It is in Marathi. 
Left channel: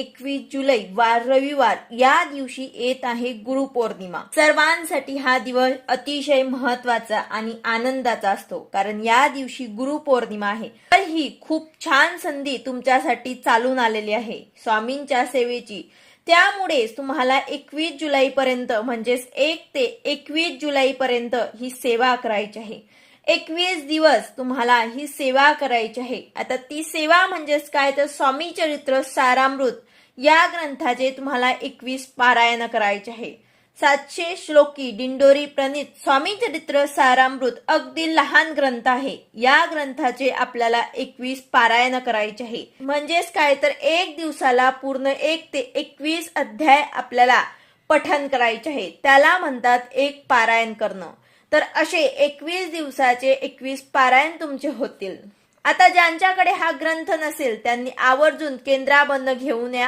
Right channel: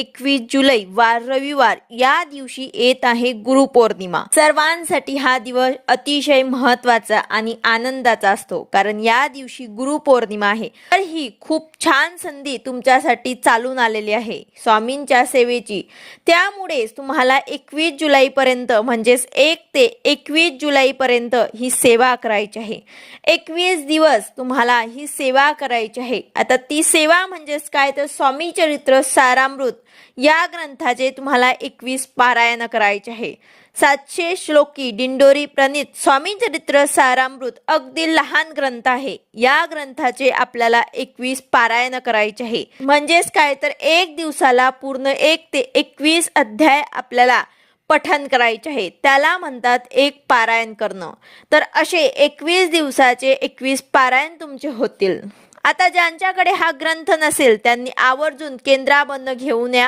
21 जुलै वार रविवार या दिवशी येत आहे गुरुपौर्णिमा। सर्वांसाठी हा दिवस अतिशय महत्त्वाचा आणि आनंदाचा असतो, कारण या दिवशी गुरुपौर्णिमा आहे। तर ही खूप छान संधी तुमच्यासाठी चालून आलेली आहे स्वामींच्या सेवेची। त्यामुळेच तुम्हाला 21 जुलैपर्यंत म्हणजेच 1 ते 21 जुलैपर्यंत ही सेवा करायची आहे। 21 दिवस तुम्हाला ही सेवा करायची आहे। आता ती सेवा म्हणजेच काय, तर स्वामी चरित्र सारामृत या ग्रंथाचे तुम्हाला 21 पारायण करायचे आहे। 700 श्लोकी दिंडोरी प्रणीत स्वामी चरित्र सारामृत अगदी लहान ग्रंथ आहे। या ग्रंथाचे आपल्याला 21 पारायण करायचे आहे। म्हणजेच काय, तर एक दिवसाला पूर्ण 1 ते 21 अध्याय आपल्याला पठण करायचे आहे, त्याला म्हणतात एक पारायण करणं। तर असे 21 दिवसाचे 21 पारायण तुमचे होतील। आता ज्यांच्याकडे हा ग्रंथ नसेल त्यांनी आवर्जून केंद्राबंद घेऊन या।